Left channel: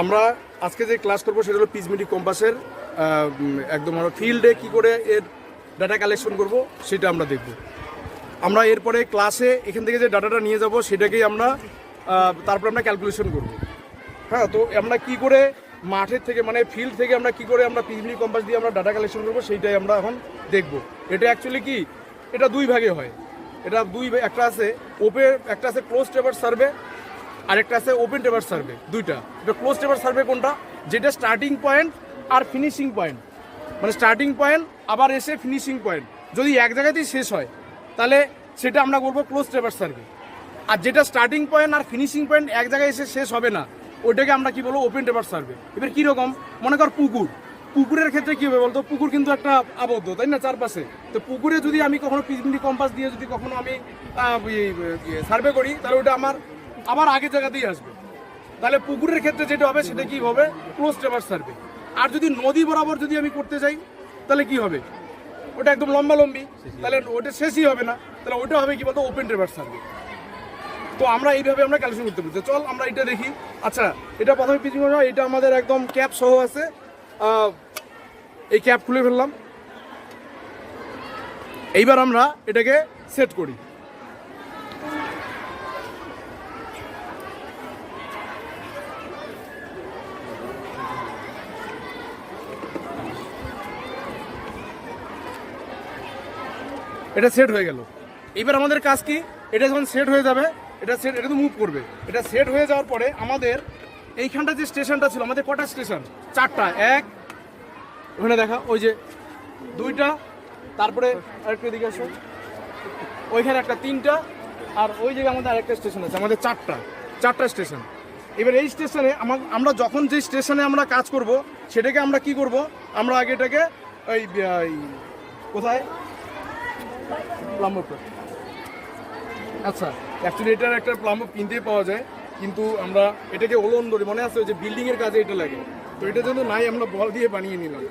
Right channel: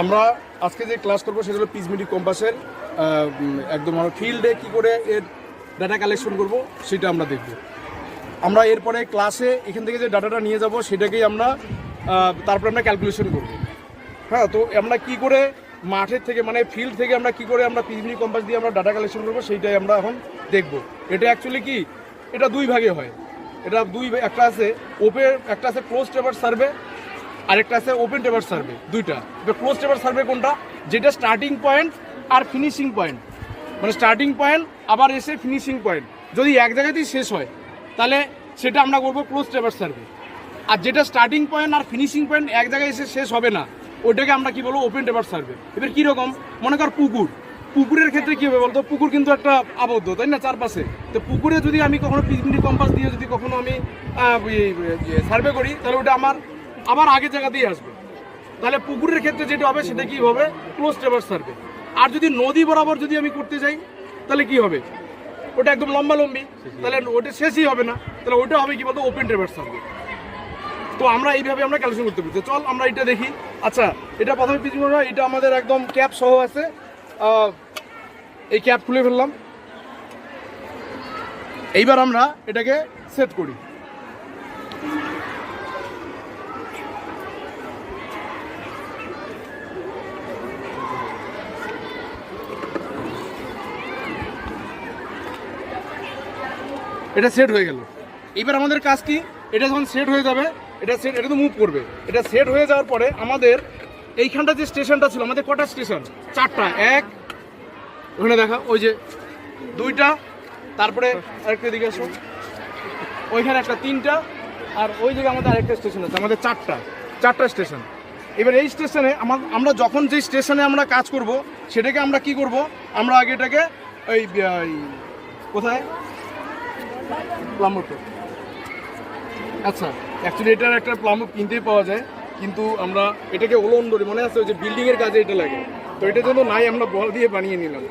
আমরা আজকে যে ক্লাস করব সেটা হলো পিচমিটি কম্পাসের একদম আমরা ফিল্ডে কি করে এর ডাটা কালেকশন করব সেটা আমরা দেখব। আমরা এরপরে ক্লাসে এখান থেকে যে ডাটাটা নিয়ে যাব সেটাকেই আমরা তারপরে আমরা ক্যালকুলেশন করব। হ্যাঁ তো আমরা কি করে মাঠের থেকে মানে ফিল্ড থেকে আমরা কি করে আমরা পিচমিটি কম্পাস দিয়ে আমরা ডাটা কালেকশন করব সেইটাই আমরা এখন দেখব। এটা অ্যাকচুয়ালি কি? এটা দুই ভাগে হয়। এটা দুই, একটা আছে ওপেন একটা আছে ক্লোজ টেবার সার্ভে আরেকটা আছে ওপেন টেবার সার্ভে দুইটা। এবার ক্লোজ টেবার সার্ভে কোনটা? যেটা স্টার্টিং পয়েন্ট আর ফিনিশিং পয়েন্ট মানে স্টার্টিং পয়েন্ট আবার এসে ফিনিশিং পয়েন্ট যদি এক জায়গাতেই শেষ হয়, তাহলে সেটা আমরা করব ক্লোজ টেবার সার্ভে আর যেটা স্টার্টিং পয়েন্ট আর ফিনিশিং পয়েন্ট এক জায়গায় এসে শেষ হবে না, ওইটাকে আমরা কি বলব ওপেন টেবার সার্ভে এবার কীরকম? মনে কর পুকুর। পুকুরের ক্ষেত্রে কী হবে বলতো? পুকুর কিন্তু একটা আবদ্ধ, তাই না? চারপাশে। তো পুকুরে যদি আমি কখনো পিছনি কম্পাস দিয়ে যদি কখনো আমি সার্ভে করি, তাহলে ওটা আমার আবার আগের জায়গা দিয়ে আসবে। তাহলে পুকুরের ক্ষেত্রে যেটা হবে, সেটা কি হবে? ক্লোজ টেবার সার্ভে আর যদি নদী বরাবর যদি আমি করতে যাই, তাহলে কি হবে? ওটা একদম লম্বা লম্বি। তাহলে ওটা শেষই হবে না। তাহলে ওটা হবে কি বলতো? ওপেন টেবার সার্ভে তো আমরা এইভাবে আমরা ক্যালকুলেশন করতে পারি। চল, আমরা এটা দেখি। আচ্ছা এটা প্রথমে না এটা আমাদের একদম ক্যাপ সহ আছে। এই ক্যাপ খুলে ফেললাম। এইবার আমরা এটাকে সেট করি। এটা সেট হয়ে গেল। এবার আমাদের কাজ কি? এটা যখন সেট হয়ে যাবে, এটা সেট এটা তো মুভ করবে। এটা সেট হয়ে যাওয়ার পরে আমাদের এইখানটা যে স্টেশনটা ছিল, আমাদের কটা স্টেশন চারটা। এক, ওখানে দেখা, ওই যে দুইটা, তারপরে আরেকটা দিকে আসো। ওইখানে একটা তিনটা, আর ওই জায়গায় আমাদের আরেকটা স্টেশন আছে, আমাদের চারটা। চারটা স্টেশন এবার এই স্টেশনে আমা- আমরা যখন যে স্টেশনে আমরা কাজ করব, সেটাকে আমরা কি করব? আমরা আগে এটাকে ওই, কোথায়? প্লাম্বার আচ্ছা অ্যাকচুয়ালি এটার একটা প্লাম্বার কিনতেই পাওয়া যায় কিন্তু আমরা এটাকে ওলন্ডরি মনে আছে ওই যে বিল্ডিং এর কাজে এটা লাগে। তো এটার জন্য নাই আমরা বল দিয়ে বানিয়ে নিলাম।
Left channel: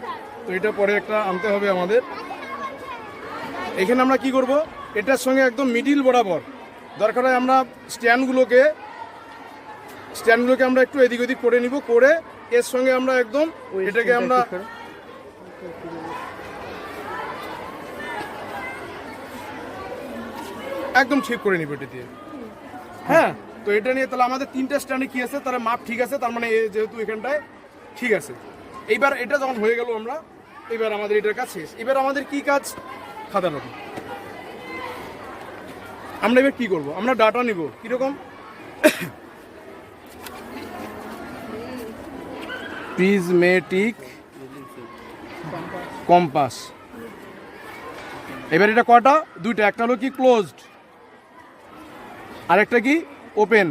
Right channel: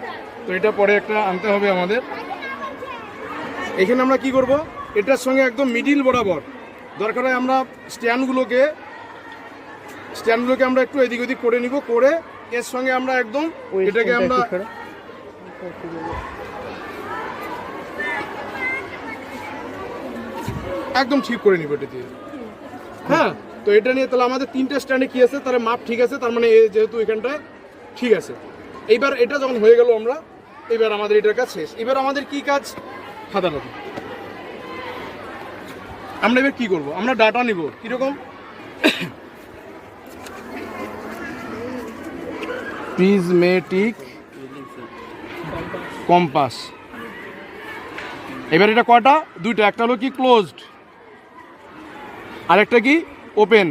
তো এটা পরে একটা আনতে হবে আমাদের। এখানে আমরা কি করব? এটার সঙ্গে একদম মিডিল বরাবর। দরকার হয় আমরা স্ট্যান্ডগুলোকে স্ট্যান্ডগুলোকে আমরা একটু এদিক ওদিক করে নিব করে এর সঙ্গে আমরা একদম এটাকে আমরা একদম ঠিক করে নিব এটা দিয়ে হ্যাঁ তো এটা নিয়ে তাহলে আমাদের তিনটে স্ট্যান্ডে কি আছে? তাহলে মাপ ঠিক আছে, তার মানে যেহেতু এখানটায় ঠিক আছে। এইবার এটা যখন হয়ে গেল আমরা এবার আমাদের এটার কাজ শেষ। এবার আমাদের কি কাজ? নতুন আমরা এবার কি করব? আমরা ডাটা নিব। কীরকম? প্রিজমেটিক কম্পাস এবার এটা কয়টা দুইটা। একটা হলো কি ক্লোজড আরেকটা কি? ওপেন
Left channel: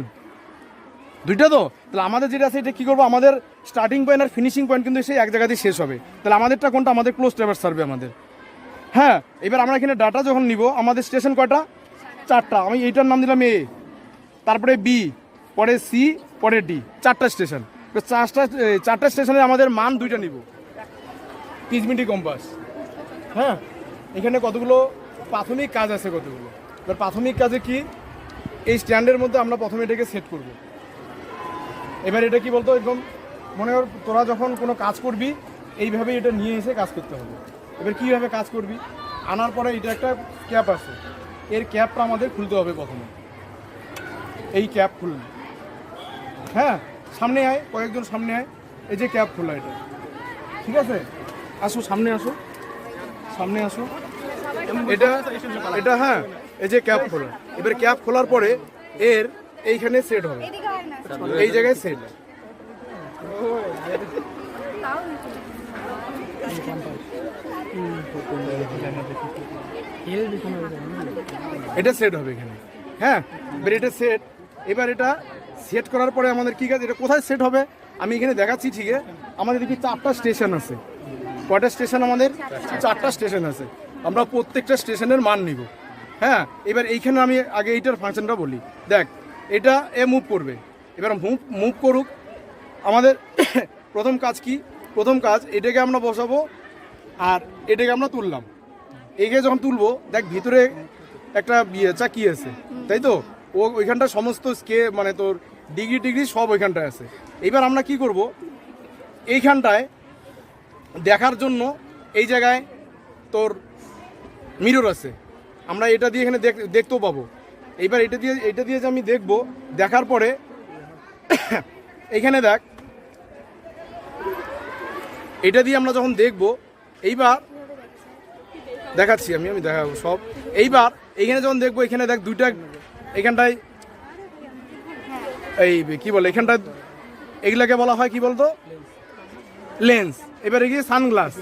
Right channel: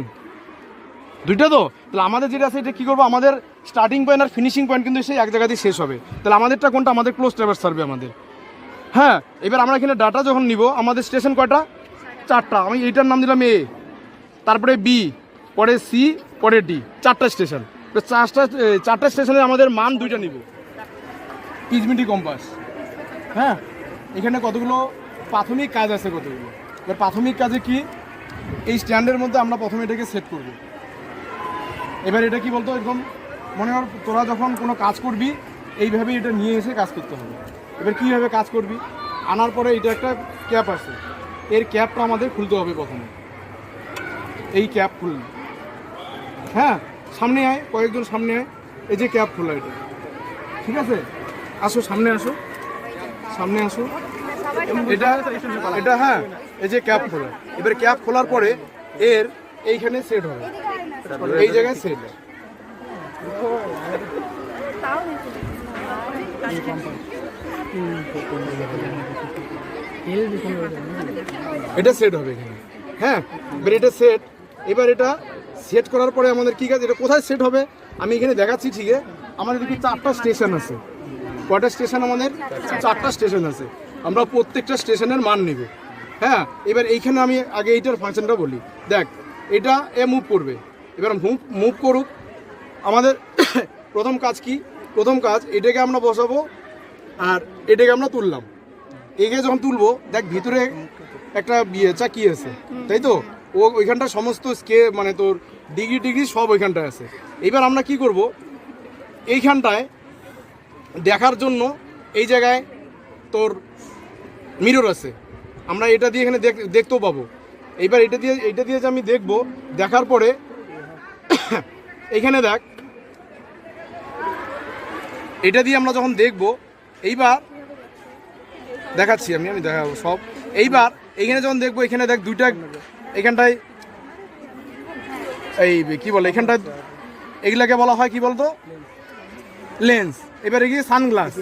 দুইটা তো? তাহলে আমাদের যেটা আছে, এটা কী করব? আমাদের স্টার্টিং পয়েন্ট আর ফিনিশিং পয়েন্ট কিন্তু সেই এক জায়গাতেই শেষ হবে। তাহলে আমাদেরটা কোনটা? আমাদের ক্লোজ ট্রাভার সার্ভে আমাদের। হ্যাঁ এবার আমরা এখানে ডাটা যখন নিব, আমাদের স্টেশন কয়টা? চারটা। আমি এইটার নাম দিলাম এ তারপরে বি পরে সি পরে ডি চারটা স্টেশন চারটা চারটা স্টেশনে আমাদের মান দুইটা নিব। পিচমিটি কম্পাস হ্যাঁ এখানে কতগুলো প্রাথমিক কাজ আছে কতগুলো? এবার প্রাথমিক কাজে কি? এই স্ট্যান্ডের মধ্যে আমরা প্রথমে এটাকে সেট করব। এবার এটা কি বলতো? একদম মনে কর তোরা যখন কোনো কাজ করবি এইভাবেই এটা নিয়ে এসে কাজ করতে হবে। এবার কীভাবে কাজ করবি? আনার পরে এটা একটা ক্যাপ আছে। এর ক্যাপটা আমাদের খুলতে হবে প্রথমে। এই ক্যাপ খুললি হ্যাঁ সামনে আয় কয়েকজন সামনে আয়। এই যে ক্যাপ খোলা এটা। ঠিক আছে? আসো সামনে আসো। সামনে আসো। এটা এটা হ্যাঁ এই যে ক্যাপ খোলা। এবার ক্যাপ খোলার পরে এর এইখানে সেট হবে। এই জায়গায় সেট এটা সেট হবে এখানে। হ্যাঁ এবার এটা সেট এবার এটা সেট করার পরে আমাদের কি কাজ? এটা কোথায় সেট হবে? আমি এখানে দেখাচ্ছি ঠিক আমাদের এদিকে চারটা স্টেশন আছে। কটা স্টেশন আমাদের চারটা স্টেশন আছে। আমরা প্রত্যেকটা স্টেশনের মান নিব। হ্যাঁ এবার এইখানে আমি আগে এইটার ফাংশনটা বলি। দেখ, এটা এ মুভ করবে। এবার মুভ মুভ করুক। আমাদের প্রথম কাজ কি? প্রথম কাজ, এটাকে আমরা বসাবো আর এটাকে আমরা তুললাম। এগিয়ে যখন তুলবো, দেখ ভিতরে একটা বিয়ে চাকি আছে, তাই তো? ও ওইখানটা সমস্ত স্কে মানে তোর ডিগ্রি টিগ্রি সব ওইখানটায় আছে। এবার আমরা কি করব? এইখানটায় দেখার জন্য এই জায়গায় তোর মিরর আছে। আমরা এটা দিয়ে এখানে দেখ- দেখতেও পাবো। এইবার এটা দিয়ে এটা দিয়ে যে আমি দেখব, দেখার পরে, এখানে দেখ, এটা দিয়ে আমরা যখন দেখব, এইবার দেখাচ্ছি আমি আমি দেখাবো সব। এইবার এইখানে যখন দেখব, এখানে দেখ দুইটা, এখানটায় এই কি বলে, এখানটায় এগুলাকে বলা হয় কি বলতো? লেন্স। এবার এগিয়ে সানগ্লাস।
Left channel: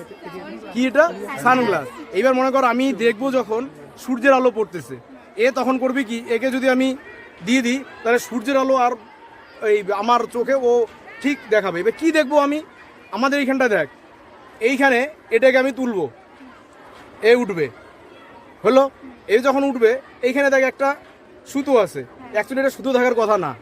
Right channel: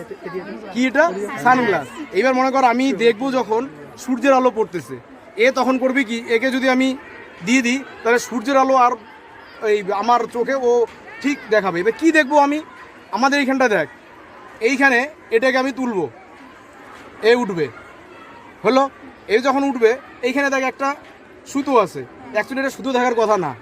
কি এটা? সানগ্লাস। এইবার মনে কর আমি দেখব যখন সূর্যের আলো পড়তেছে। এ তখন করবি কি? একে যদি আমি দিয়ে দিই, তাহলে সূর্যের আলো আর এই আমার চোখে ও ঠিক দেখাবে। এবার কী দেখব আমি? আমাদের এইখানটা দেখ। এইখানে এটাকে আমি তুলবো। এ উঠবে। হলো? এ যখন উঠবে, এইখানে দেখ একটা সুতো আছে। অ্যাকচুয়ালি এটা সুতো থাকার কথা না।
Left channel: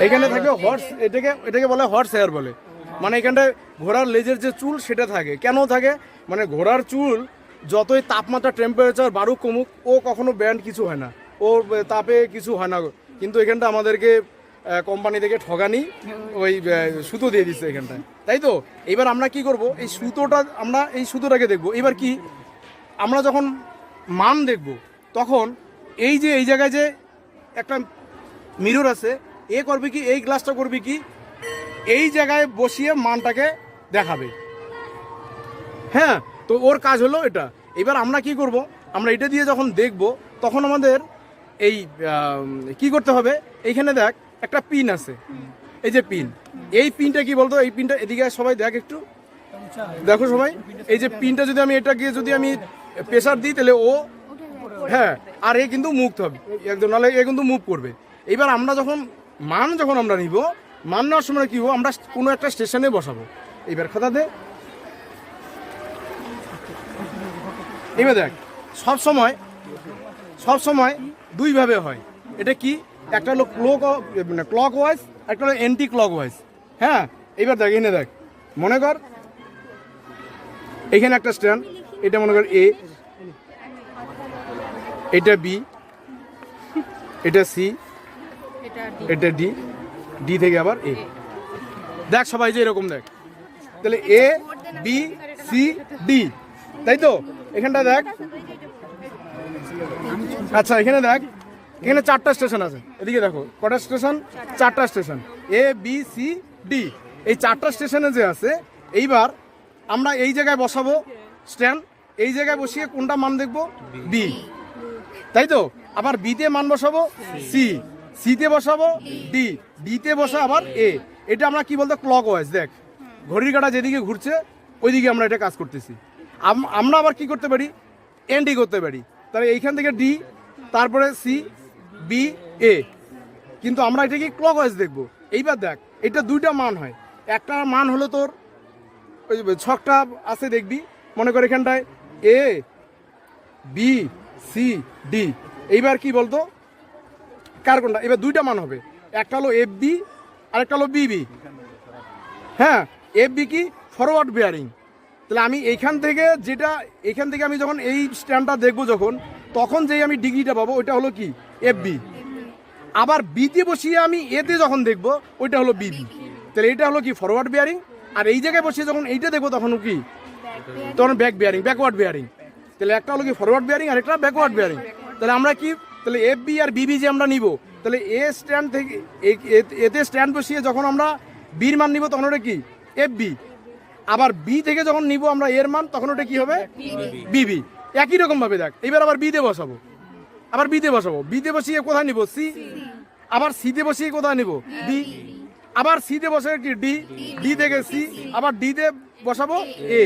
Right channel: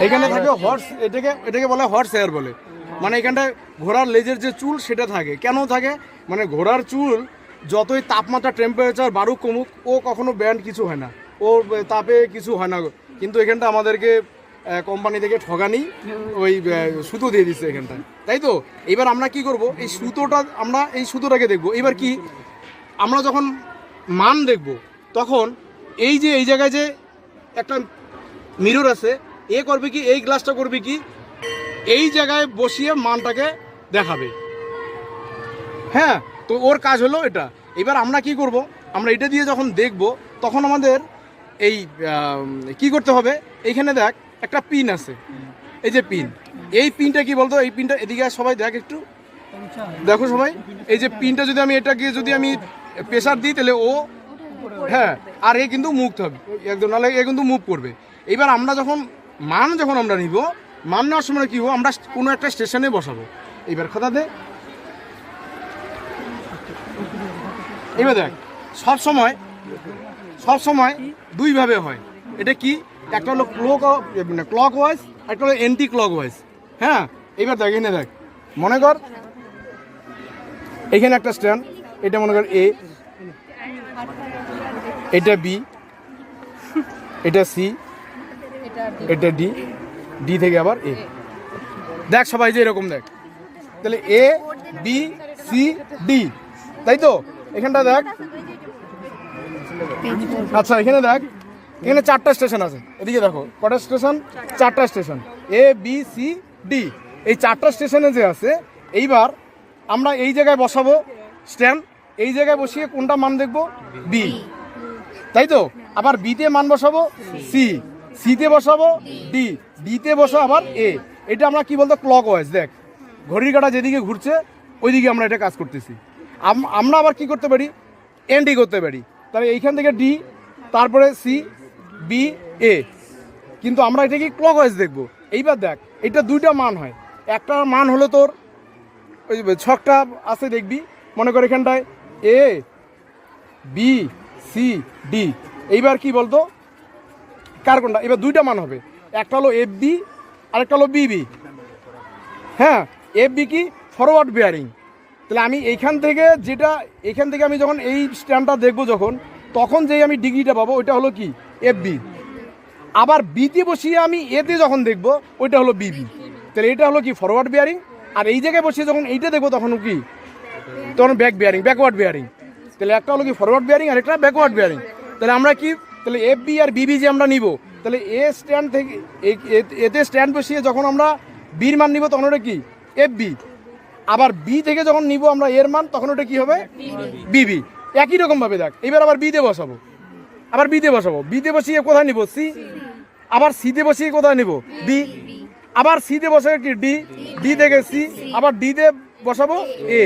এখানে থাকে হর্স এটাকে এটাকে বলে হর্স হেয়ার বলে। মানে এখানটায় ঘোড়ার লেজের যে চুল সেটা থাকে। কেন থাকে? মানে ঘোড়ার চুল যতই তাপমাত্রা টেম্পারেচার বাড়ুক, কমুক, ও কখনো ব্যান্ড কিছু হয় না। ও তাপে কিছু হয় না। কিন্তু এখানটা আমাদেরকে কোম্পানি থেকে ঠগানি ওই সুতো দিয়ে দিচ্ছে এখানটায়। তাই তো? এবার আমরা কি করব? এই সুতোটা, আমরা এই সুতোটাকে দেখব। এবার কি? আমরা যখন মান দেখব, তখন এই যে, এই জায়গায় যে একটা মিরর আছে, এ করবে কি, এই গ্লাসটা করবে কি, এই জায়গায় বসিয়ে মানটাকে দেখাবে। হ্যাঁ? তো ওর কাজ হলো এটা। এবার আমরা কি করব? আমরা এটা দিয়ে যখন দেখব, তখন আমাদের এই কি করতে হবে? এইখানে দেখ, একটা পিন আছে। এই যে পিন। এই পিনটা কি বলতো? এই পিনটা এদিকে সবাই দেখ একটু। দেখো সবাই। এই যে পিনটা যদি আমি এটাকে, যদি আমি প্রেসার দিই, তাহলে ও হ্যাঁ আর এ কিন্তু মুভ হবে। একদম, নাহলে এ কিন্তু মুভ করবে। এবার আমরা যখন, মান যখন আমরা নিব, মান নেওয়ার সময় কি হব? আমরা কোনো একটা স্টেশনে বসাবো। এবার কথা এবার দেখ, সব সময় সব সময় দুইভাবে হয়। এটা কি? একটা হলো ক্লক ক্লক ওয়াইজ একটা হলো এন্টি ক্লক ওয়াইজ হ্যাঁ? এবার দেখ এখানে দেখ। মনে কর, এখানে একটা স্ট্যান্ড এটা মনে কর এ এটা বি এটা সি এটা ডি ডি থেকে আবার এ দেখ সবাই যে এরকম দেখ। তাহলে এ বি সি ডি তাই তো? এখানটা দেখ। আচ্ছা এখানে দেখ। এখানে চারটা স্টেশন আছে। এদিকে দেখো, কটা স্টেশন? চারটা station. A B C D এই চারটা স্টেশনে যে আছে, এইবার আমরা এই জায়গায় বসাবো। স্ট্যান্ড, এই জায়গায় বসিয়ে কোনটা মান দেখব? বি তাই তো? আবার বিতে মান বসাবো? সি সিতে বসাবো? ডি ডিতে বসা আবার এ এটা আমরা কি বলতো? ক্লক ওয়াইজ দেখ। ঘড়ির কাটা যেদিকে ঘুরছে, ওইদিকে আমরা এটা কাজ করতেছি। আমরা আবার কি করতে পারি? এনডি করতে পারি। তাহলে এইখান থেকে ডি তারপরে সি বি এ কিন্তু আমরা এটা কি ক্লক ওয়াইজ দেখব। এইবার দেখ, এটা দুইটা মান হয়। একটা মান হলো তোর, ওই ছকটা আছে দেখবি, মনে কর এখানটায় এ বি সি ডি এইবার কি বলতো? কার কোনটা? এবার দুইটা মান হবে। একটা হলো এফ বি আর একটা হলো বিবি হ্যাঁ এফ বি কি? ফরওয়ার্ড বেয়ারিং তাহলে আমি এইখান থেকে যেটা, এইখান থেকে আমি যখন এই স্ট্যান্ডটা দেখব যখন, তখন যেই আমি ডিগ্রিটা পাবো, ওইটা হলো কি? এফ বি আবার বিতে বসিয়ে আমি এতে যখন দেখব, ওইটা হলো বিবি তাহলে এটা হলো কি? ফরওয়ার্ড বেয়ারিং আর এই জায়গায় বসিয়ে যখন এইটা দেখব, তখন কি? তখন ব্যাক বেয়ারিং ব্যাকওয়ার্ড বেয়ারিং তাহলে একটা হলো কি? ফরওয়ার্ড বেয়ারিং আর একটা ব্যাকওয়ার্ড বেয়ারিং তাহলে আমরা কি? তাহলে এফ বি আর বিবি যে আমরা নিব, তাহলে এ স্ট্যান্ড থেকে এতে স্ট্যান্ড বসিয়ে যখন আমরা বির মান নিব, তখন ওটা কি? এফ বি আবার বি থেকে যখন নিব আমরা এর মান তখন ওটা কি হবে? বিবি একই রকম ভাবে দেখ। এবার আবার বিতে বসাবো। আবার বিতে বসাবো। বিতে বসিয়ে কোথায় নিব? সি আবার সিতে বসিয়ে কোথায় নিব? বি আবার সিতে বসাবো কি? ডি ডি থেকে সি আবার ডিতে বসাবো এ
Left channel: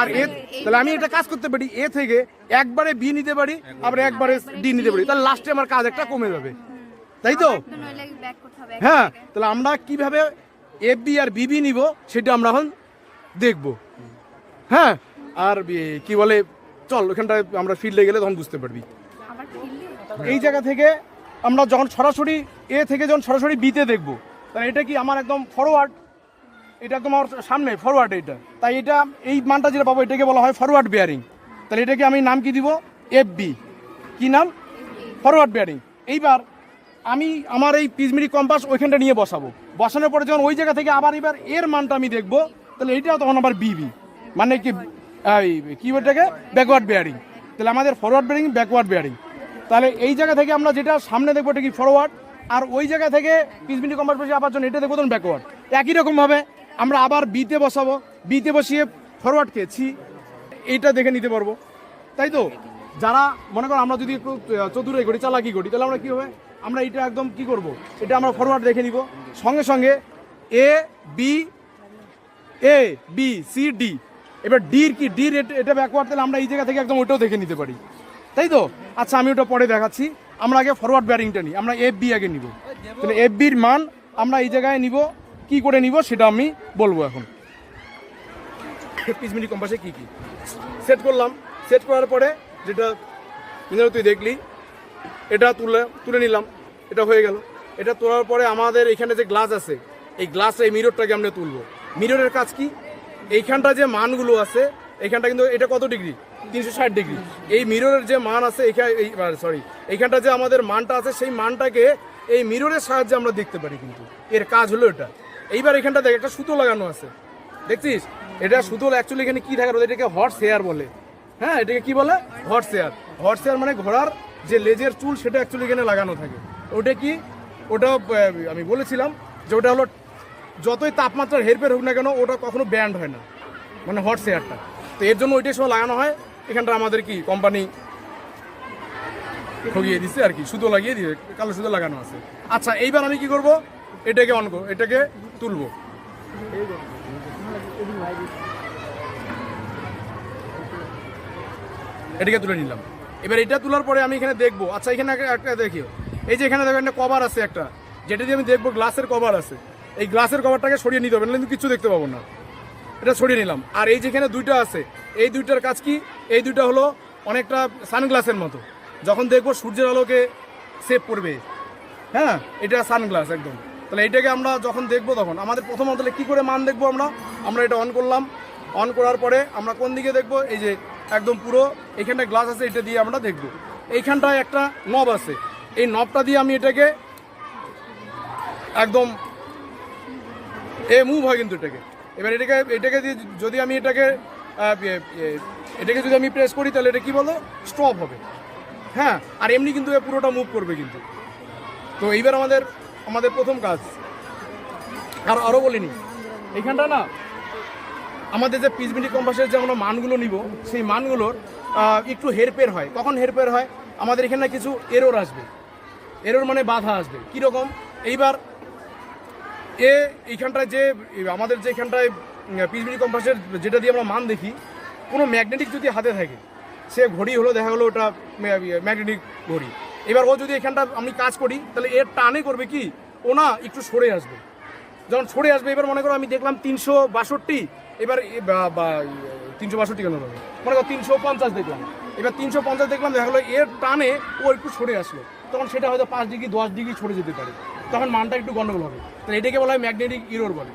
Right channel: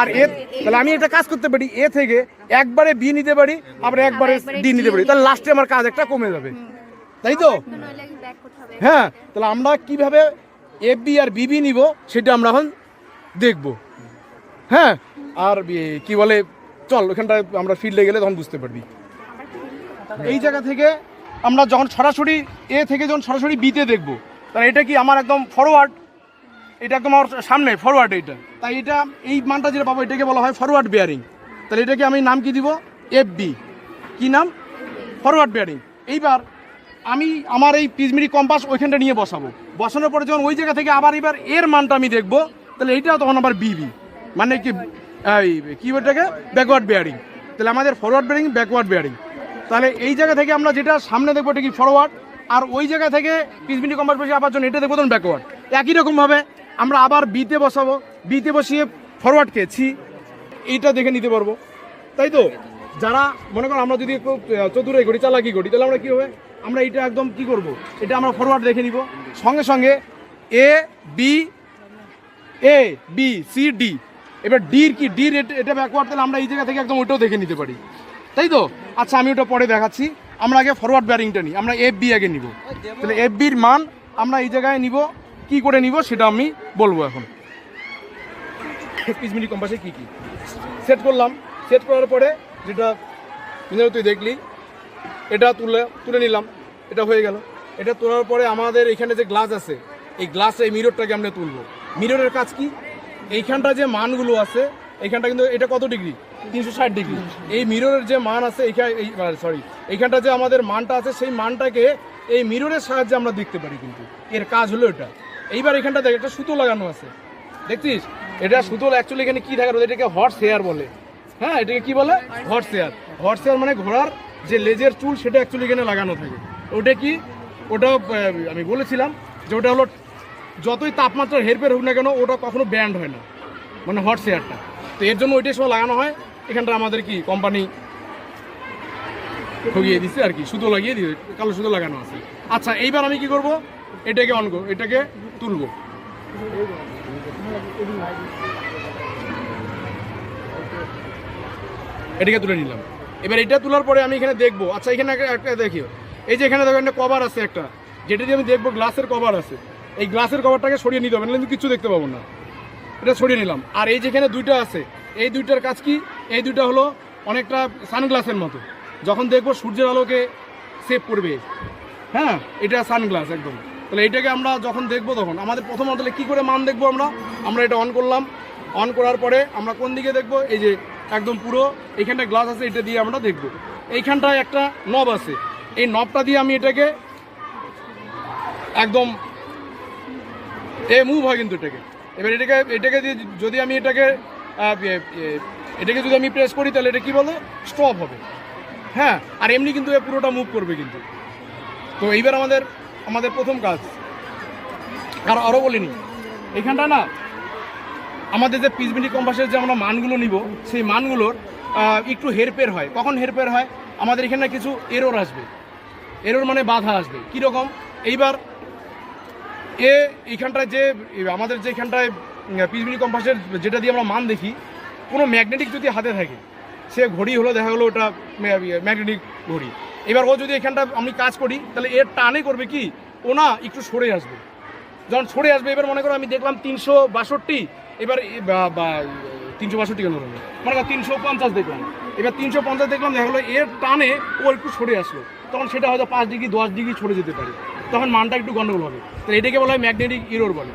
আর এ তাহলে আমি একটা কাজ করতে পারি। এ থেকে একবারে বি নিতে পারি আবার একবারে ডি নিতে পারি। তাহলে লাস্টে আমার কাজ একটা কমে যাবে। তাই তো? হ্যাঁ তাহলে আমরা কীভাবে এফ বি আর বিবি নিব সেটা আমরা এখন দেখব। হ্যাঁ আর কি বলে, চল, ওখানটায় আমরা ফিল্ডে গেলে তখন বুঝতে পারবি। এই জায়গা থেকে আমরা যখন সরাসরি এ থেকে যখন সরাসরি বিতে দেখব, তাহলে এটা কি আমার একদম ফরওয়ার্ড এটা একদম আমার সামনে ফরওয়ার্ড এটা। তাই এটা, এই মানটা যেটা পাবো, এটাকে বলা হয় ফরওয়ার্ড বেয়ারিং তাহলে এটাকে আমি নাম কি দিব? এফ বি কি নাম? ফরওয়ার্ড বেয়ারিং এইবার আমি আমার এই পিজমিরি কম্পাস ওইখানটা নিয়ে বসাবো। বসানোর পরে যখন ওই জায়গা থেকে আবার এবার এর মানটা আমি দেখব তাহলে এইটা তখন আবার বিবি মানে কি কি ওটাকে ব্যাকওয়ার্ড বেয়ারিং তাহলে আমাদের ফরওয়ার্ড বেয়ারিং ব্যাকওয়ার্ড বেয়ারিং তাহলে এই জায়গা থেকে আমরা যেটা সামনে দেখব এটা কি ফরওয়ার্ড আর ওই জায়গা থেকে পিজমিরি কম্পাস বসিয়ে আবার জন্য এটা দেখব তখন ব্যাকওয়ার্ড একই রকমভাবে আমরা আবার বিতে বসাবো। বিতে বসিয়ে ফরওয়ার্ডকে ছি এইটা দেখে নিতে পারব। তাই তো? যারা, মনে করো আমরা যদি একটু চতুরাই করি চালাকি করি, তাহলে আমরা কী হবে? আমরা এটা একদম কি করব? এটা আমরা ফরওয়ার্ড দেখে নিব। সঙ্গে সঙ্গে A B A B C D এবার ডির কি? ডির এটা ব্যাকওয়ার্ড তাহলে আমরা এই জায়গা থেকে একদম ওইটাও দেখে নিতে পারি। তাই তো? আচ্ছা আমি ওটা পরে দেখাচ্ছি। আমরা আগে ফরওয়ার্ড ব্যারিংটা নিই। আমরা এফ বি আগে নিব। তাহলে এফ বির মান আমরা এই জায়গায় নিব। কি করে নিব সেটা আমি বলব এখন। মিনিট কম্পাসে কি কি? সেট করলাম। সেট করার পরে যেটা যেটা তুই দেখলি, এটা তুলে তুলে নিলাম। এটা হয়ে গেল। এটা তোলার পরে আমাদের এখানে যে গ্লাস আছে, এই গ্লাসে এই মিররটাকে আমরা তুলবো। মিররের কাজ কি? এইখানটা যে মানগুলো আছে, এইখানটা কিন্তু এটা কত ডিগ্রি? তিনশো ষাট ডিগ্রি। এই মিররের যে মান আছে এখানে সরি এইখানটা যে আমাদের মানটা আছে, সেই মানটাকে এই মিররের সাহায্যে আমরা দেখতে পারি কিন্তু। এর কাজ হলো এটা। এইবার এখানটা দেখ, একটা সুতো লাগানো আছে। দেখছিস? এটা সুতো অ্যাকচুয়ালি এখানে কি থাকে এটাকে হর্স হেয়ার বলে। হ্যাঁ এটাকে কি বলে? হর্স হেয়ার হর্স হেয়ার মানে ঘোড়ার যে লেজের চুল, সেটা অ্যাকচুয়ালি এখানে লাগানো থাকে। ওটা কি? ওটা আমি বলেছিলাম যে ওটা হলো যতই তাপমাত্রার হেরফের হোক না কেন, ওটা কখনো ব্যান্ড হয় না। মানে হর্স হেয়ারটা তো এর জন্য ওইটাই সময় লাগানো হয়। এখানটা আমাদের কি কোম্পানি ঠগিয়ে দিচ্ছে আর কি, সুতো লাগিয়ে দিয়ে কালো সুতো লাগানো আছে। আচ্ছা এইবার আমি কি করব? এটাকে অন এটাকে তুলবো। এটাকে তুলে নিলাম। এবার এটা তোলার পরে আমি এখানে দেখব। আচ্ছা এখানে একটা দেখি এই যে এখানে দেখো, একটা কভার আছে একটা। যেটা দিয়ে আমি দেখব গ্লাসের কভার আছে। এই গ্লাসের কভারটাকে সরিয়ে নিতে হবে না কিন্তু কিছু দেখতে পাবো না। এটা সরিয়ে নিলাম। আর এই যেখানে দুইটা আছে, এই দুইটার কাজ কি? এই দুইটা হলো অনেকটা সানগ্লাসের মতো। যখন দেখব সূর্যের আলোকে সেভ করবে হ্যাঁ? এটা সানগ্লাস একদম। তাহলে এটাকে আমরা যখন দেখব তখন, আমাদের প্রথম তাহলে কী করে মান দেখব আমরা? আমরা এটা অন করলাম। অন করার পরে আমরা কোন দিকে দেখব? এই যে একদম পুরো এইখানটা গ্লাস আছে, এটা দিয়ে আমরা দেখব। এইখানটায় একটা নব আছে। এই নবটা দিয়ে আমি এটাকে একদম এ মুভ হয় কিন্তু এটাকে। এবার এটাকে এটাকে যদি আমি এটাকে এটাকে যদি আমি প্রেস করি, তাহলে এটা কী বলে? স্টপ হবে। হ্যাঁ আর এমনি কিন্তু এ পুরোটা মুভ করবে কিন্তু। তো এইবার আমাদের আমাদের প্রথম কাজ। আর আরও বলিনি। এইখানটা না, আমাদের যে পিসবিনি কম্পাসের যে আমরা মানগুলো নিব, সেই মানগুলোর একটু হেরফের হয়। কখন হেরফের হয়? আমাদের এখানে কিছু এরর আসবে। এরর মানে বাধা আসবে। কীরকম? এইবার এ এইখানটায় যে আমাদের যে এখানটায় পিসবিনি কম্পাসের যেটা দিয়ে আমরা মান দেখি, কোনো ম্যাগনেটিক যদি হাতে থাকে, সে ঘড়ি হলো, দেখা গেলো ওটা ম্যাগনেটিক ঘড়ি। এবার ও যদি এখানটা আমি কাজ করি, তাহলে এর টানে করবে কি? ও না একটু সরে আসবে। যখন সরে আসবে, এবার মনে করো আমি দেখলাম তিনশো বাষট্টি, এবার তিনশো বাষট্টি কেন বলব মনে করো তিনশো পঞ্চাশ দেখলাম। এবার তিনশো পঞ্চাশ দেখলাম, দেখা গেলো এর টানে ও একটু সরে আসলো। তখন সেটা হয়তো পাঁচ ডিগ্রি, দশ ডিগ্রি সরে যেতে পারে। তখন মানটা একটু গন্ডগোল হবে। তো এটাকে বলা হয় ম্যাগনেটিক ইরোর বলে।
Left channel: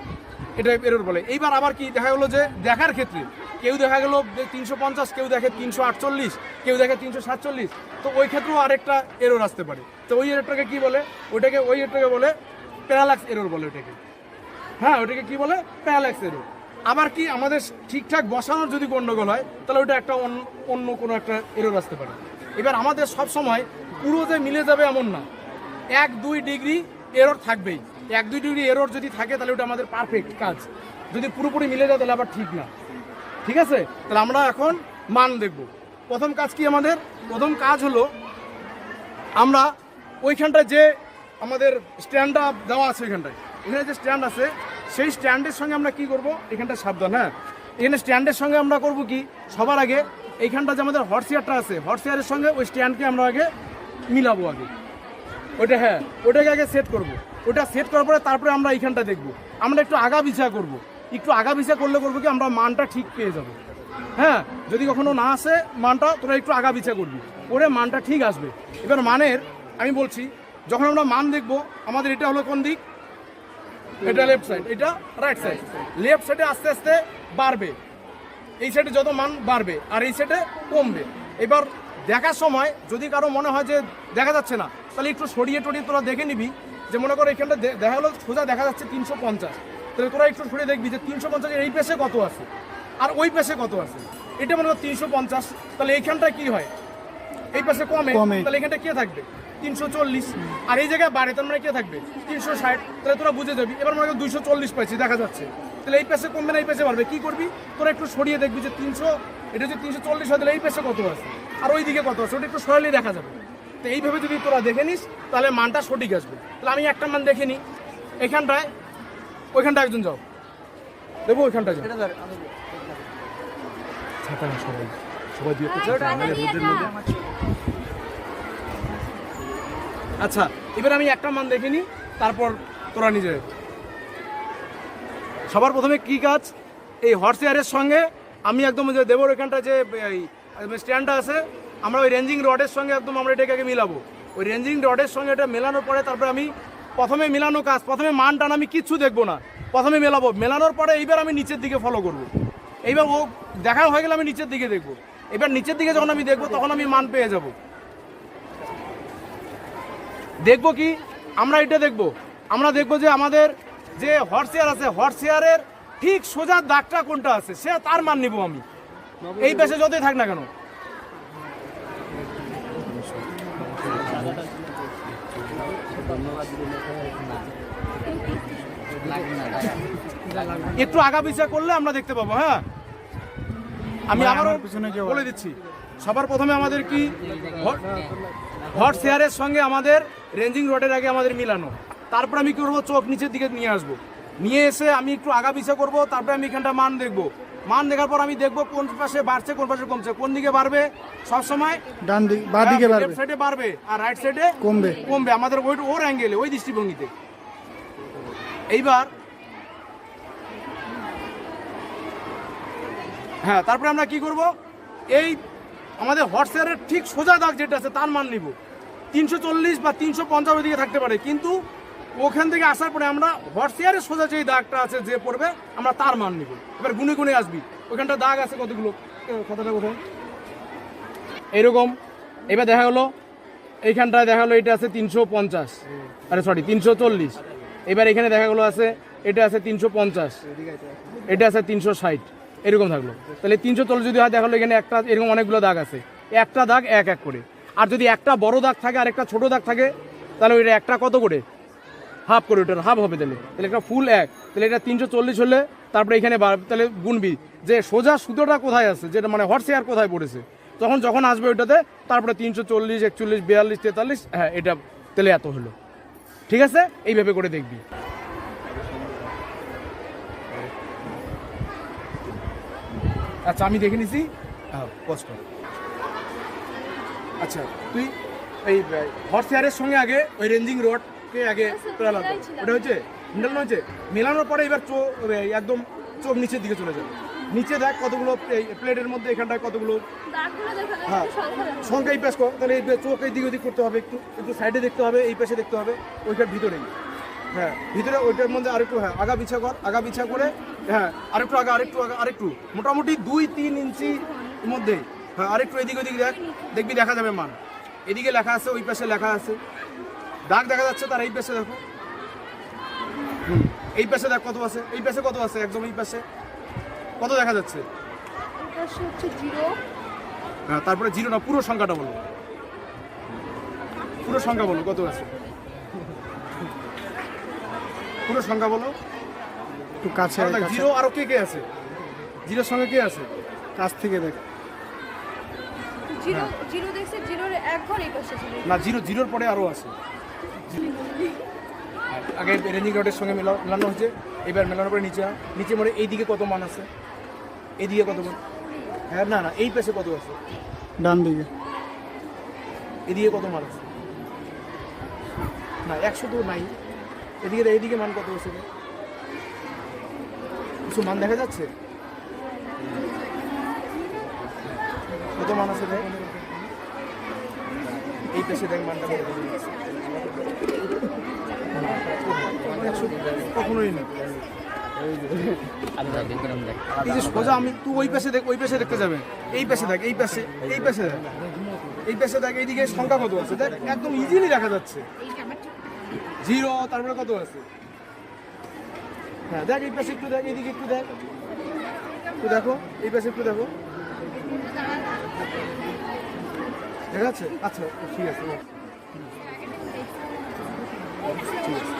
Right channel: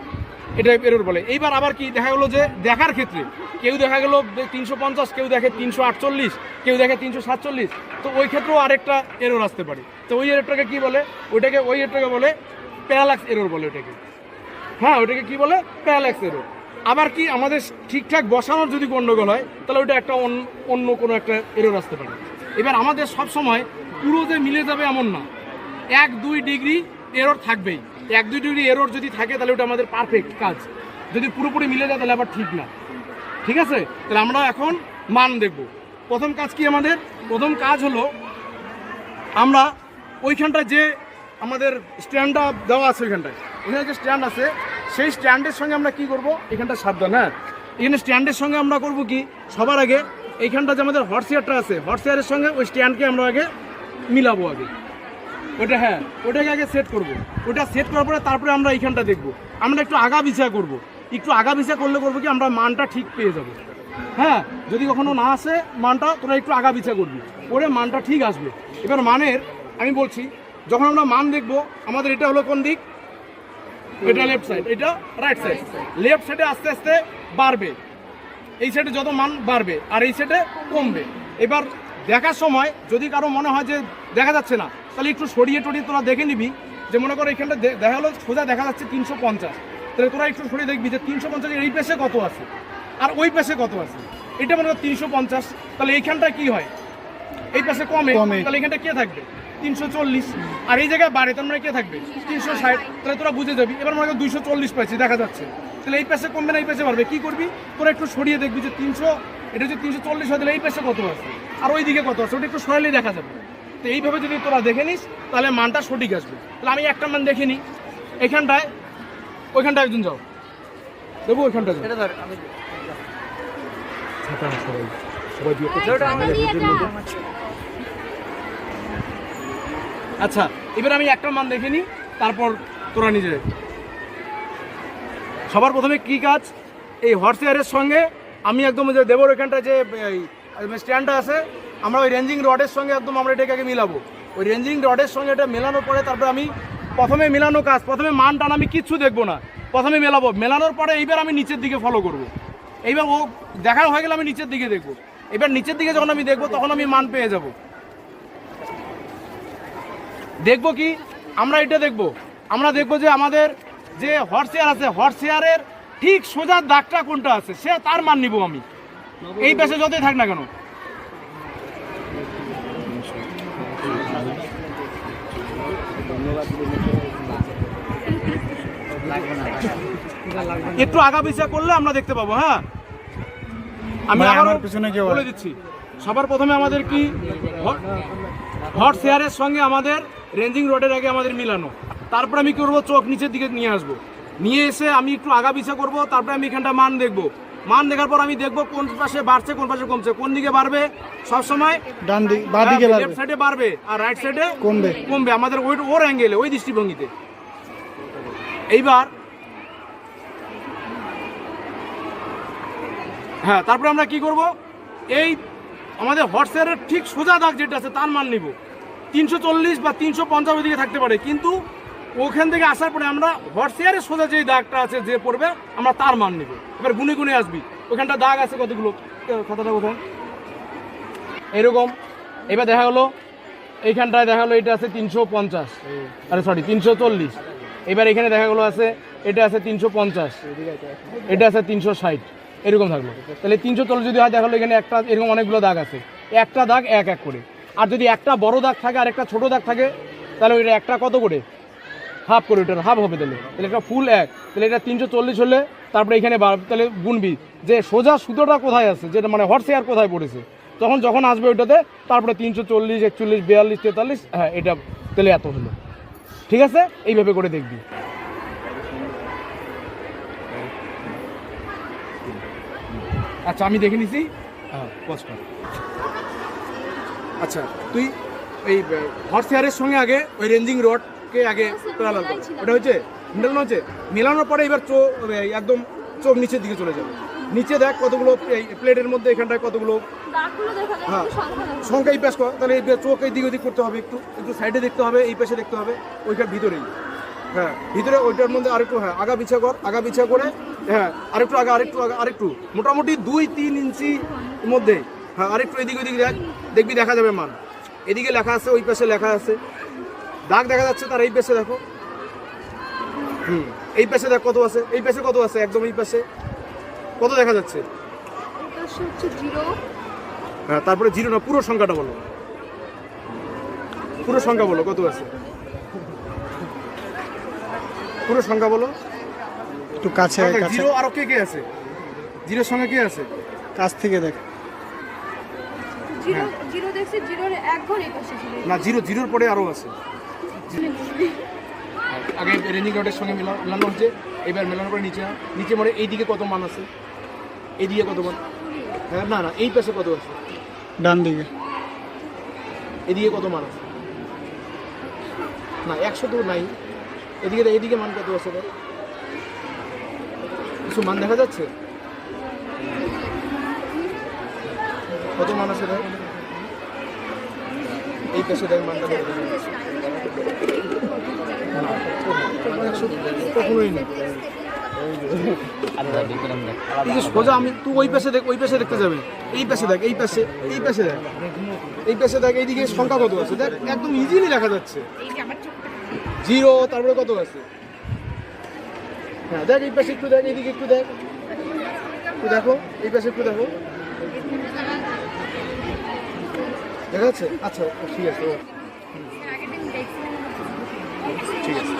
এটা এরর বলে। এইবার আবার কি দেখা গেলো যে দেখার ক্ষেত্রে কেউ দেখা গেলো তিনশো পঞ্চাশ, কেউ দেখে তিনশো আটচল্লিশ, কেউ দেখে তিনশো সাতচল্লিশ। তো ওই ক্ষেত্রেও আরেকটা এরর আসতে পারে। তো ওই এররটাকে কি বলে? ওইটাকে, ওই এরটাকে বলে প্যারালাক্স এরর বলে ওটাকে হ্যাঁ ওটাকে কি বলে? প্যারালাক্স এরর আবার কি আমাদের ঠিকঠাক বসানোর যদি গন্ডগোল হয়, তাহলে ওটা একটা অন্য- অন্য কোনো একটা এরর আসতে পারে। এবার আমাদের সব সময় পুরো যে মিলে যাবে এমন না। এক, দুই ডিগ্রি এরর থাকবেই। এক, দুই ডিগ্রি এরর যদি থাকে, তাহলে ওটা আমাদের পারফেক্ট কাজ। যদি পুরোপুরি মিলে যায়, তাহলে আবার ঠিক না। ঠিক আছে? তাহলে আমরা এখন মান দেখব। প্রথম কাজ কি আমাদের? প্রথম কাজ হলো, আমরা ওইখানটায় যে আমাদের স্ট্যান্ডটা দেওয়া আছে ওইখানটায় ওখানে যে স্ট্যান্ড আছে, সেই স্ট্যান্ডের সঙ্গে আমরা কি করব? এখানটা সাবধান হ্যাঁ? এখানে স্ট্যান্ডের সঙ্গে আমরা করব কি? সবার আগে এইখানটা যে আমাদের হর্সিয়ারটা আছে হর্সিয়ারের সঙ্গে ওই স্ট্যান্ডকে আমরা আগে মিলাবো আগে। ওটা হ্যাঁ ওটাকে আগে সেট করব। ওটা সেট করার পরে তারপরে আমরা এইখানটা দেখব। আমরা একটু আগা বিছা করব। একটু আগা বিছা করলে করব কি আমরা মানটা ঠিক পেয়ে যাব। হ্যাঁ যদি কখনো না আসে মানটা, তোরা একটু আগা বিছা করবি। ওরে মানটা ঠিক আসবে। এবার মানের, আমি বলছি, যখন আমরা মান দেখব, আমাদের এটা হলো কোন দিক? এটা লেফট সাইড এটা রাইট সাইড লেফট সাইডে আস্তে আস্তে বাড়বে। এই সাইডে যত মান বাড়বে, আর এই সাইডে কমবে। এবার দেখার সময় যদি কারও মনে হয় যে দেখা যাচ্ছে না তাহলে একটু সরিয়ে টরিয়ে তোরা দেখে নিবি যে মনে করো এখানটা দেখা হলো সোজা দেখা যাচ্ছে তিনশো পঞ্চাশ। তাহলে তোরা একটু সরিয়ে দেখবি যে তিনশো পঞ্চাশের এই পেশে কত আছে আর ওই পেশে কত আছে। এটা মনে করো তিনশো পঞ্চাশ তাহলে এইখানটায় কি হয়? এই পাশে কমে। তাহলে এখানটা কে থাকবে? তিনশো চল্লিশ। আর এই জায়গায় বাড়ে তার মানে কে থাকবে? তিনশো ষাট। তাহলে তোরা বুঝে যাবি। এবার মনে কর দুইশো চল্লিশ পাইছি দেখা যাচ্ছে। তাহলে এই পাশে কমবে না এই পাশে বাড়বে। কি করবি? তোরা একটু সরিয়ে দেখবি যে তিনশো এটা হচ্ছে তিনশো চল্লিশ হয় তাহলে এই পাশে কত আছে? আর ওই দিকে কত আছে? ওটা একটু সরালেই দেখা যাবে। তো এইভাবে যদি তোরা দেখে নিস তাহলে মানটা সঠিক আসবে। তাহলে আমি একটা মান দেখে নিই। এখানটায় ওইখানটায় একজন যাও। দেবো ওইখানটায় যাও। আচ্ছা এবার আমি একটা মান দেখে নিই তারপর তোরা নিজে। সবার প্রথমে কি কাজ? এই হর্স এয়ারের সঙ্গে আমি একদম যে দেবর এখানটা যে স্ট্যান্ডটা আছে। আমরা ওই রেঞ্জিং রডের সঙ্গে একদম আমরা এটাকে আগে মিলাবো। ওই রেঞ্জিং রডের সঙ্গে এটা মেলানোর পরে তারপরে আমি প্রথমে মেলানো কাজ, প্রথমে মান টান আমি কিচ্ছু দেখব না। প্রথমে মেলাবো। মেলানোর পরে এইবার আমি নিচের দিকে ফলো করব। এইবার ও দেখা হয়ে গেলে আমি নিচের দিকে দেখব। এবার নিচের দিকে যখন আমি দেখব, তখন আমি মান পেয়ে যাব। দেখব কি? আমরা এটা দেখব। আমরা দেখব যে আমাদের যে হর্সেয়ার আছে হর্সেয়ারের ঠিক সোজা দাগটা কোনটা আছে, সে তার মান নিব আমি। এই পেশে যতই থাক না কেন। একটু আগা পিছা করলে আমরা দেখতে পাবো হ্যাঁ? আমি আবারও আমার পিছনে বলে দিচ্ছি সবার প্রথমে আমাদের কি হট শেয়ারের সঙ্গে আমাদের রেঞ্জিং রোডের আগে আমাদের মিলানো। তারপর আমি কি করব? চোখ নিচের দিকে নিয়ে আসব। নিয়ে এসে আমি একটু আগা পিছা করব তারপরে আমি এখানটা মান দেখব। মান দেখার পর আমি দেখব কোন পাশে বাড়ছে কোন পাশে কমছে। কোন দিকে বাড়বে সবসময় ডান দিক বাঁ দিকে লেফট সাইডে বাড়বে আর রাইট সাইডে কমবে। কমবে। আমাদের ওই ওর অ্যাঙ্গেলে ওই দৃষ্টিভঙ্গিতে। এইবার হ্যাঁ তারপরে আমরা কি করব? এই আমাদের হোয়াটসঅ্যাপের ঠিক সোজা দাগ যেটা আছে তার মান নিব। তিনশো চল্লিশ বা তিনশো পঞ্চাশ দিকে থাকতে পারে। কিন্তু ওখান থেকে আসার পরে আমরা হোয়াটসঅ্যাপের সোজা যে দাগটা আছে যে পড়বে, আমরা তার মান নিব। এবার গুনে গুনে আসবি। ওখানটা দাগ আছে কতগুলো? খাতাটা কোথায় এরকম। এবার দেখা হলো, এইখানটায় দেখা হলো, এটা আছে তিনশো পঞ্চাশ। আরে সরি তিনশো চল্লিশ। এবার এখানে দেখা গেলো আছে, এটা আছে তিনশো পঞ্চাশ। এটা আছে তিনশো ষাট। এরকম থাকল। তাহলে তিনশো চল্লিশ যদি হয়, দেখা গেলো এখানে একটা, এরকম অনেকগুলো দাগ আছে। একটা দাগ এক এক করে। আর যদি একটা বড় দাগ থাকে আর একটা ছোট দাগ থাকে, তাহলে ওইটা একটা কত করে? হাফ করে ওটার হাফ হবে তাহলে। তাহলে একটা ফুল এক। তাহলে এটা তিনশো চল্লিশ হলে তারপরে এখানে তাহলে গুনবি। যে সোজা সুতোটা কোথায় আছে? যেটা মানে হর্সে আর কোথায় পড়েছে? তখন যখন আসবে ওইটাতে, তারপরে তিনশো চল্লিশ, একচল্লিশ, বিয়াল্লিশ, তেতাল্লিশ হ্যাঁ এটা তাহলে এত হলো। ঠিক আছে? এইভাবে করে দেখবি। আচ্ছা আমি দেখে নিছি। হ্যাঁ। আচ্ছা তুই এই হর্স হেয়ারের সঙ্গে আগে ওই রেঞ্জিং রডকে আগে তোলা ওটা হচ্ছে মেলানো হচ্ছে মেলানোর পরে এবার চোখ একদম চোখ নিচের দিকে চলে যাবে। নিচে দেখ কতগুলো এই প্লেটের মধ্যে এখানটায় কতগুলো হ্যাঁ। সংখ্যা এই পাশ কর তাহলে এই চোখ এই দিক ওদিক করতে হবে একটু একটু সাইডে দেখতে হবে এই পাশে দেখতে হবে ওইটার ভিতরেই। হ্যাঁ ভিতরে ওইটার মধ্যে আরেকটু হ্যাঁ আগা পিছা কর আগা পিছা করে হ্যাঁ আরেকটু আগা আরেকটু আগা আরেকটু। মোটামুটি দুই তিন ইঞ্চি মধ্যে হ্যাঁ আরেকটু এদিক ওদিক দেখ দেখবি দেখা যাবে মান। এদিকে লেখা আছে ওই পাশে লেখা আছে। দাগ দেখা যাচ্ছে তার এই পাশে দেখো। হুম এই পাশে দেখ কত আছে এই পাশে কত আছে একদম এই পাশে। কত দেখা যাচ্ছে? আকাশে হচ্ছে জিরো। হ্যাঁ তারপরে জিরো না পুরো সংখ্যাটা বলো। পুরো সংখ্যা বলো কত আছে? পুরো সংখ্যা বলো। একটু কাছে আয়, কাছে। জিরো আরও কে কে আছে? জিরোর সঙ্গে কে আছে? কাছ থেকে দেখ। জিরো হ্যাঁ। জিরো দেখছে জিরোর এক ঘর এই পাশে ছিল। না জিরো জিরোর পরে আরও আছে। আগে রেনিং রডের সঙ্গে মেলা- মেলানো হচ্ছে এবার মেলানোর পরে নিচে। নিচে মরে এইদিকে কত মান আছে? এইদিকে কত মান? হ্যাঁ না না এই পাশে কত আছে? ডান দিকে। এদিকে কত মান আছে? না একশো তো নাই। এদিকে এদিকে মান কত আছে? কিছু মান দেখা যাচ্ছে? কত মান আছে? এই পেশে দেখ মানটা কখনোই না। এই যে সোজা আমি তুই ওই পাশে দেখ ওই পাশে দেখতে যাবে। এই পাশে দেখ এই পাশে এই পাশে দেখ। এই পাশে দেখ এইদিকে সংখ্যা কত আছে? দেখ একদম ইজিলি দেখা যাচ্ছে। জিরো তারপরে কত আছে? হ্যাঁ দেখ এই পাশে একটু দেখ এইদিকে একটু দেখ। একটু দেখো এই পাশে একটু দেখো। দেখা যাচ্ছে? আচ্ছা ঠিক আছে। ঠিক আছে।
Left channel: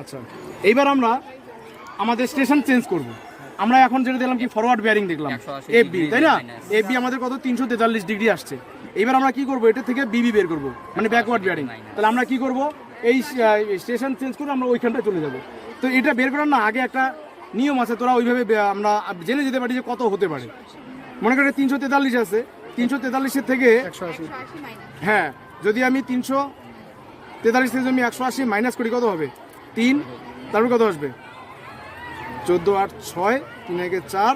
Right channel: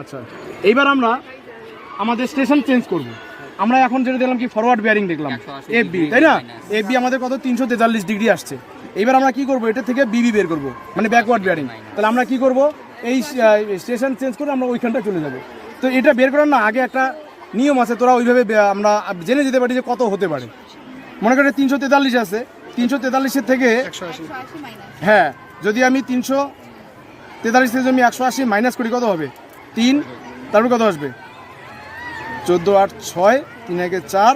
আচ্ছা এইবার আমরা আমাদের স্টেশন চেঞ্জ করব। আমরা এখন যেটা দেখলাম কি ফরওয়ার্ড বেয়ারিং দেখলাম এফ বি তাই না? এফ বি আমাদের কত? তিনশো তেতাল্লিশ ডিগ্রি আসছে। এবার আমরা কি করব? এটা থেকে বিবি বের করব মানে ব্যাকওয়ার্ড বেয়ারিং তাহলে আমরা কি করব? এই স্টেশন চেঞ্জ করে আমরা ওইখানটা চলে যাব। তো এটা বের করার না আগে একটা নিয়ম আছে তোরা ওইভাবে আমরা জেনে যেতে পারি যে কত হতে পারে। মনে করে তিনশো তেতাল্লিশ আছে তিনশো তেতাল্লিশের থেকে একশো আশি। হ্যাঁ যদি আমি তিনশো তেতাল্লিশ থেকে আমি একশো আশি মাইনাস করি কত হবে? তিন তারপর কত আসবে? চোদ্দ আট ছয় তিন একে চার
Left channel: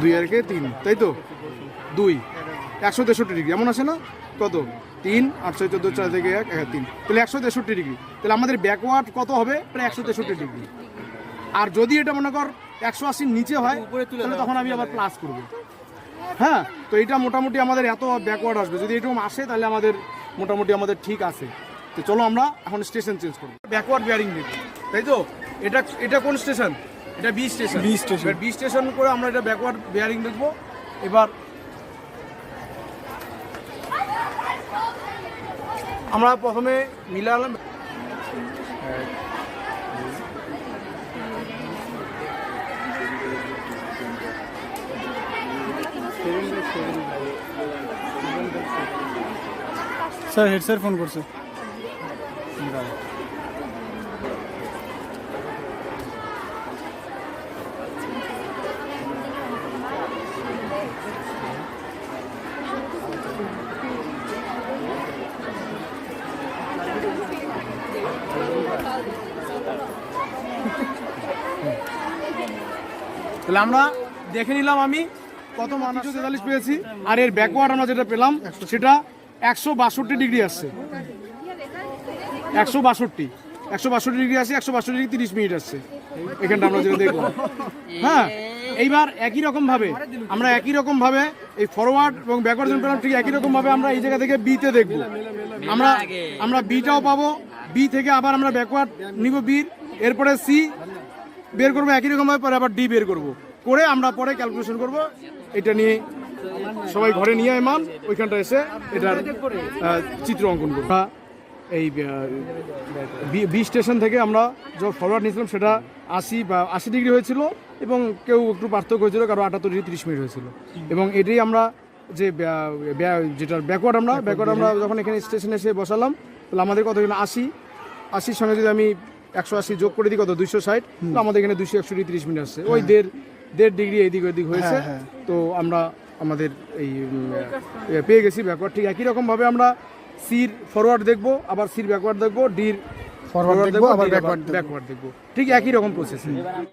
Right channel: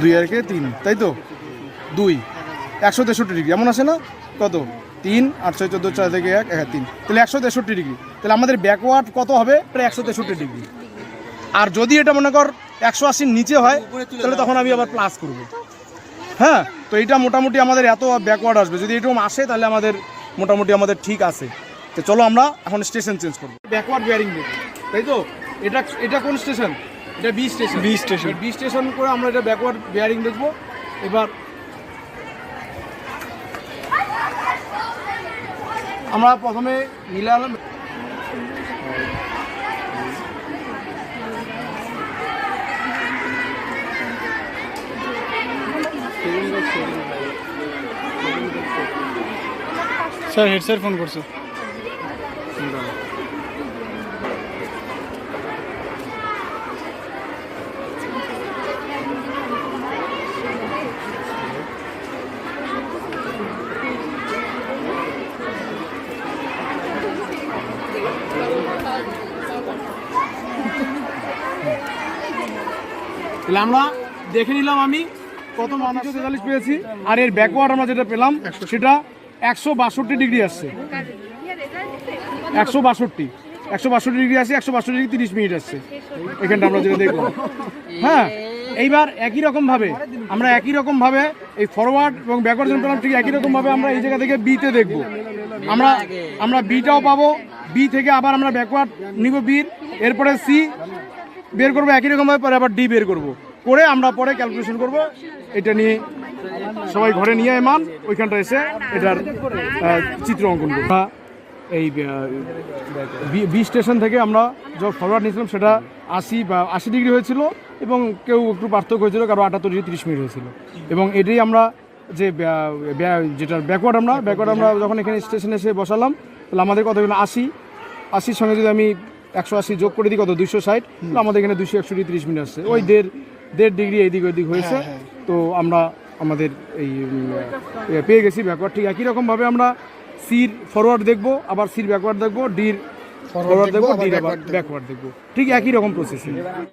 দুই একে তিন তাই তো? দুই একশো তেষট্টি ডিগ্রি এমন আসে না? কত? তিন আট ছয় চোদ্দ চার থেকে এক হ্যাঁ তিন। তাহলে একশো তেষট্টি ডিগ্রি। তাহলে আমাদের ব্যাকওয়ার্ড কত হবে? প্রায় একশো তেষট্টি ডিগ্রি। আর যদি এটা মনে কর একশো আশির নিচে হয় তাহলে তখন আমি আবার প্লাস করব। হ্যাঁ তো এটা মোটামুটি আমাদের এত ব্যাকওয়ার্ড আসবে। যদি এরকম আসে তাহলে আমাদের মোটামুটি আমাদের ঠিক আছে। তো চলো আমরা এখন স্টেশন চেঞ্জ করব। ব্যাকওয়ার্ড বিয়ারিং নেব তাই তো? এটা এটা কোন স্টেশন এটা B station B station B station করে আমরা এটা ব্যাকওয়ার্ড বিয়ারিং দেখব। এবার আমরা প্রথমে মিলালাম স্যার হেড স্যার ফোন করছে। তাহলে আমরা দেখে নিলাম আমি কত মান একশো তেতাল্লিশ পেয়েছি। আর এর ব্যাকওয়ার্ড আমরা যেটা পেলাম সেটা একশো বাষট্টি ডিগ্রি আসছে। একশো বাষট্টি। একশো বাষট্টি ডিগ্রি আসছে একশো বাষট্টি ডিগ্রি তিরিশ মিনিট আসছে। এখানটা আমরা যেটা দেখলাম। হ্যাঁ এইবার একই রকম ভাবে আমরা একই রকম ভাবে এই ফরওয়ার্ড এবং ব্যাকওয়ার্ড পেলাম ঠিক একই রকম ভাবে আমরা এই জায়গা থেকে বিতে দেখব। আমরা আমরা বিটাও পাবো। বি থেকে আবার আমরা ব্যাকওয়ার্ড নিব বির এরপরে সি বের করব একই রকম ভাবে, পরে আবার ডি বের করব। করে আমরা পরে ক্যালকুলেশন করব। এটা নিয়ে সবাই ঘরে নিয়ে আয় মান ওইখানটা এসে এটার চিত্র অঙ্কন করব। এই বি- স্টেশন থেকে আমরা যে ফরওয়ার্ড নিয়েছিলাম, সেটা আশি বা আশি ডিগ্রি হয়েছিল এবং কেউ একটু পার্থক্য হয়েছিল কারও আটাত্তর ডিগ্রি তিরিশ মিনিট হয়েছিল। এবং এটাই আমরা যে যেটার ব্যাকওয়ার্ড আমরা ব্যাকওয়ার্ড আমরা যখন এখানে স্টেশনে এসে বসালাম, তাহলে আমাদের কত হলো? আশি। আশির সঙ্গে যদি আমি একশো আশি যোগ করে দিই কত? দুইশো ষাট। আমাদের এখানে দুইশো একশো তিরিশ মিনিট আসছে। ওই দেড় দেড় ডিগ্রি এইদিক ওইদিক হয়েছে। তো আমরা আমাদের এই পেয়ে গেছি ব্যাকওয়ার্ড ঠিক একই রকমভাবে আমরা সির ফরওয়ার্ড দেখব আবার সির ব্যাকওয়ার্ড দেখব ডির ফরওয়ার্ড দেখব আবার ডির দেখব। ব্যাকওয়ার্ড দেখব। ঠিক একই রকম প্রসেসিং